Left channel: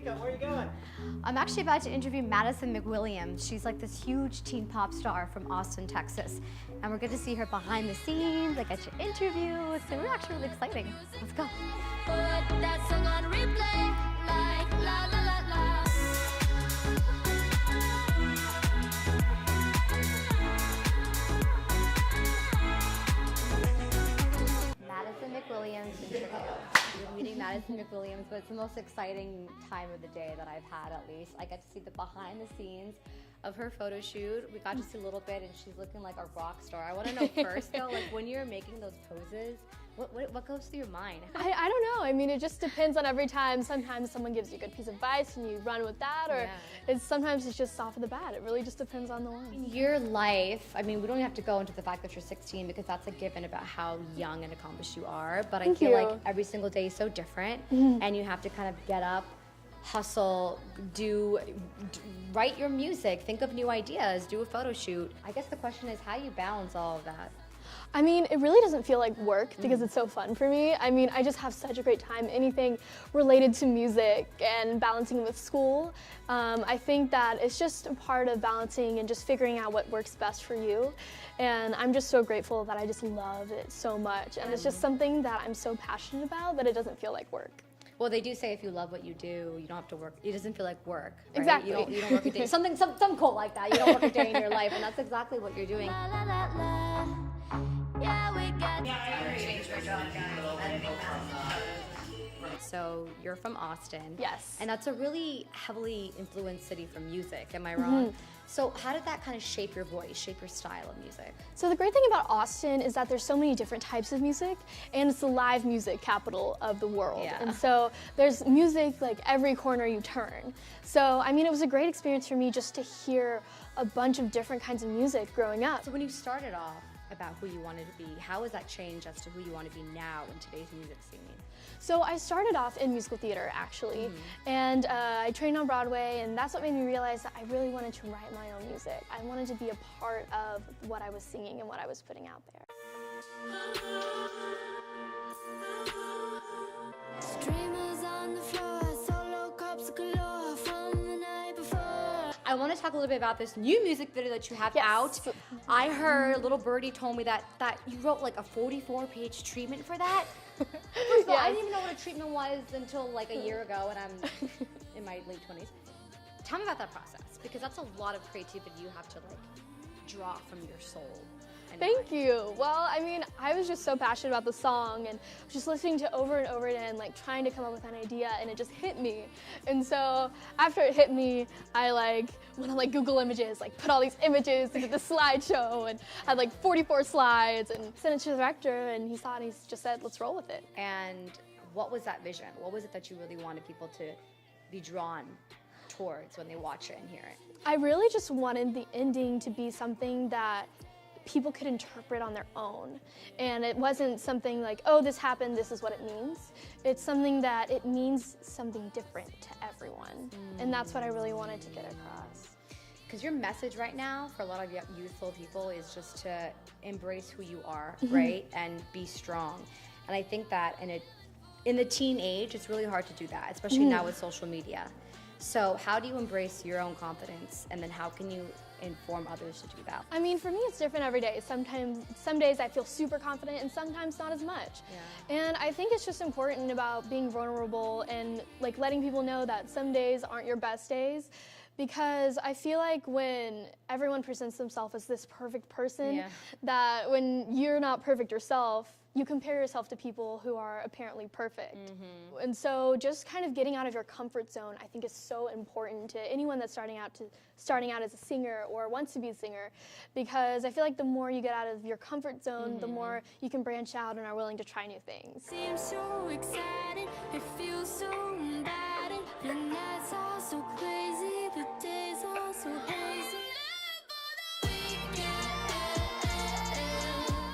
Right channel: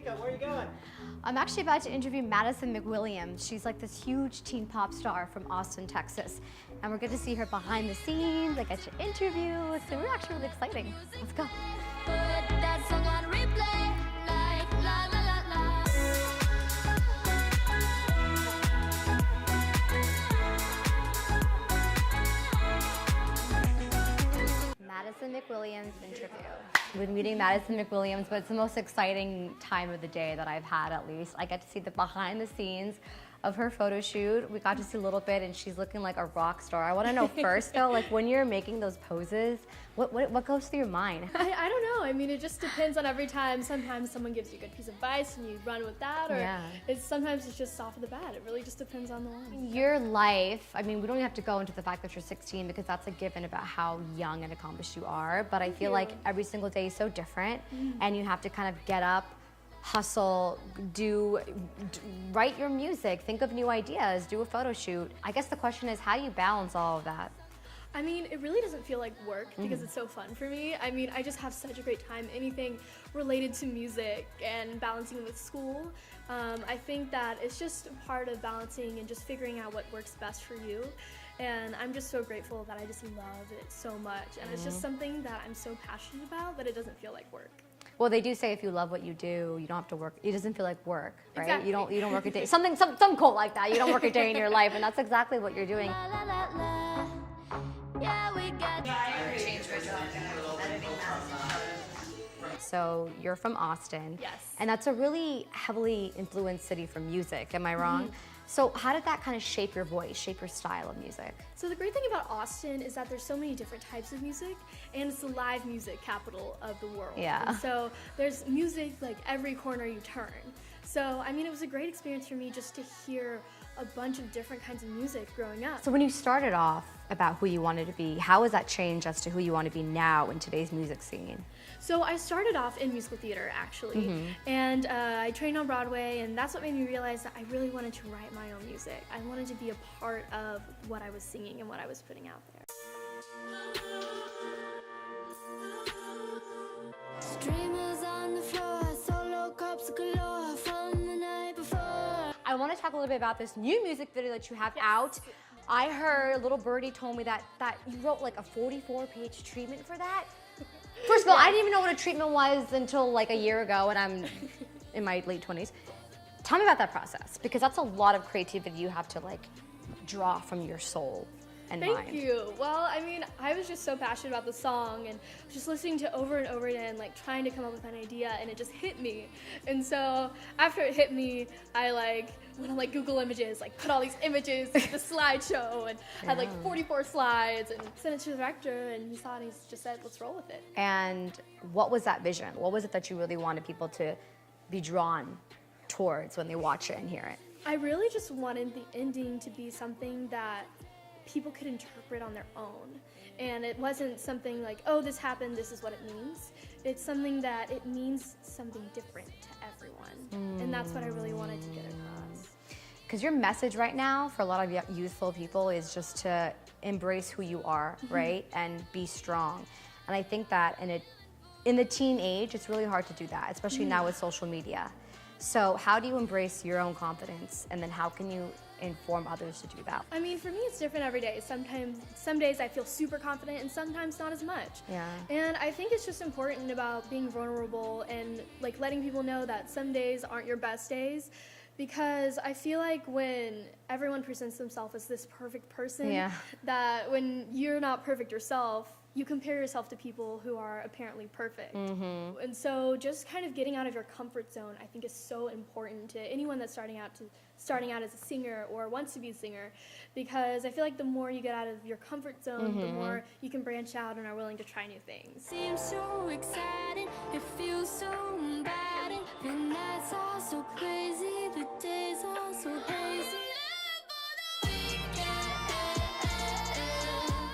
Kanika, where are you going? I'm actually about to interview Madison McWilliams. She's like this huge teen pop star from Austin, Texas. And we're going to see her behind the scenes, like at your interview. So we're actually really exciting. Let's go. Put that song on replay, like la la la la. Madison McWilliams interview. We're meeting Madison McWilliams, but it's the most exciting time of the day that I've had, at least. I got to see the behind the scenes of her photo shoot. We got to see a little bit, and she's looking like a rock star. I want to know first, though, like when you're making those poses, what goes through your mind? I don't know. I mean, it just depends on every time. Sometimes someone gives you a good piece of advice and you run with that, or sometimes it's just off of the bat. It really just depends on the one. Your life, I mean, we don't have to go into the fact that you're 16 because that's a given about how young and accomplished you are, but I feel like every single day is so different, and you have to kind of get up, hustle, write your music, think of new ideas, do a photo shoot. I guess the question is, how do you balance all of that? I mean, it really doesn't feel like work because it's so fun for me. I mean, I just have such a great time. Anything related to music and balancing with school, I think that it's just a part of balancing and just figuring out what works best for you. And I'm just so grateful that I just love it so much. And it's just something that I'm so passionate about that it doesn't feel like work. Well, they do say if you love what you do, you don't have to work. It doesn't feel like work, right? Exactly. You don't work a day. Some quote like that. You don't work a day in your life, and that's exactly what you're doing. La la la la. Yeah, we got So you're from Austin. Yes. And that's a really heavily influenced city for music. Am I wrong? So how did that kind of shape your voice, shape your style of music? So the great thing about Austin is that there's so many different types of music, and it's the live music capital of the world. Yeah. And so there's music like every corner you turn. So, I mean, it was a great experience for me just to hear a bunch of different kinds of music growing up. So when you started off about who you wanted to be, how has that changed as to who you want to be now in today's music scene? So I started off in musical theater, actually, and I trained on Broadway, and that's what made me realize that I really wanted to write my own music. I wanted to be a part of what I was singing and what I was putting out there. streamers on the floor, solo cups galore from the night before. I want to talk a little bit about this new music video that you have Yes. out. I heard little birdie told me that you wrote like a 44-page treatment for that. First of all, I didn't even know what a treatment was until like a year ago, and I'm in my late 20s. Tell me about that process, because that's a lot of creativity you have to like draw from your soul and mind. Thank you. Well, I mean, I was just so passionate about the song and just listening to it over and over again, like trying to come up with an idea, and it just hit me. And so after it hit me, I went on Google Images, put all these images into the slideshow, and had 44 slides, and sent it to the director, and he saw it, and he just said, let's roll with it. And what was that vision? What was it that you really wanted people to be drawn towards when they watch it and hear it? I really just wanted the ending to be something that people could interpret on their own. And it wasn't something like, oh, this happened, this is what it means. It's something that it means something different to everyone. And that's what I really wanted to get across. Because your message right now for a lot of youthful people is just to embrace who you are, right? And be strong. And I think that in the teen age, it's really hard to do that, especially now with social media. So how do you embrace your own confidence, and then how can you inform others to do that? I mean, for me, it's different every day. Some days I feel super confident, and sometimes not as much. Yeah. And I think it's just important about being vulnerable and letting people know that some days aren't your best days. Because I feel like when everyone presents themselves as this perfect person, that when you're not perfect yourself, you compare yourself to people who are apparently perfect. And so just kind of getting out of your comfort zone, I think, is so important to anyone that's starting out as a singer or wants to be a singer, because I feel like the more you get out of your comfort zone, the more you can branch out and are willing to try new things. Seems so exciting, it feels so inviting. The nights are so crazy, the days are so hazy.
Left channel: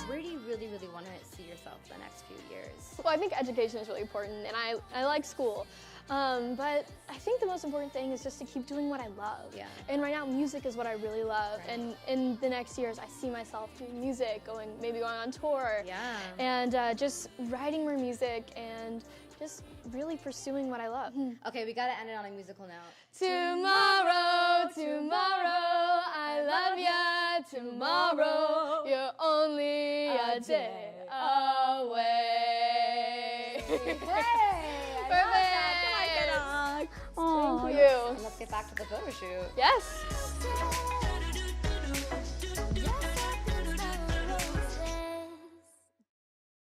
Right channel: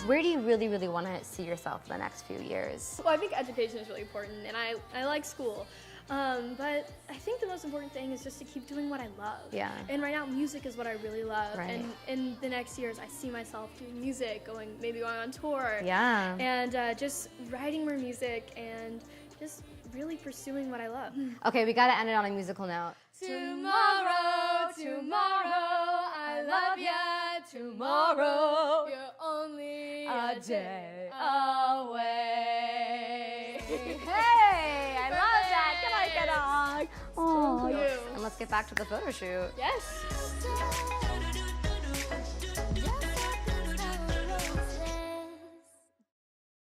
Where do you really, really want to see yourself in the next few years? Well, I think education is really important, and I like school. But I think the most important thing is just to keep doing what I love. Yeah. And right now, music is what I really love. Right. And in the next years, I see myself doing music, maybe going on tour. Yeah. And just writing more music and just really pursuing what I love. Okay, we gotta end it on a musical note. Tomorrow, tomorrow, I love ya. Tomorrow, you're only a day away. Hey, I love that. Come on, get on. Thank you. And let's get back to the photo shoot. Yes.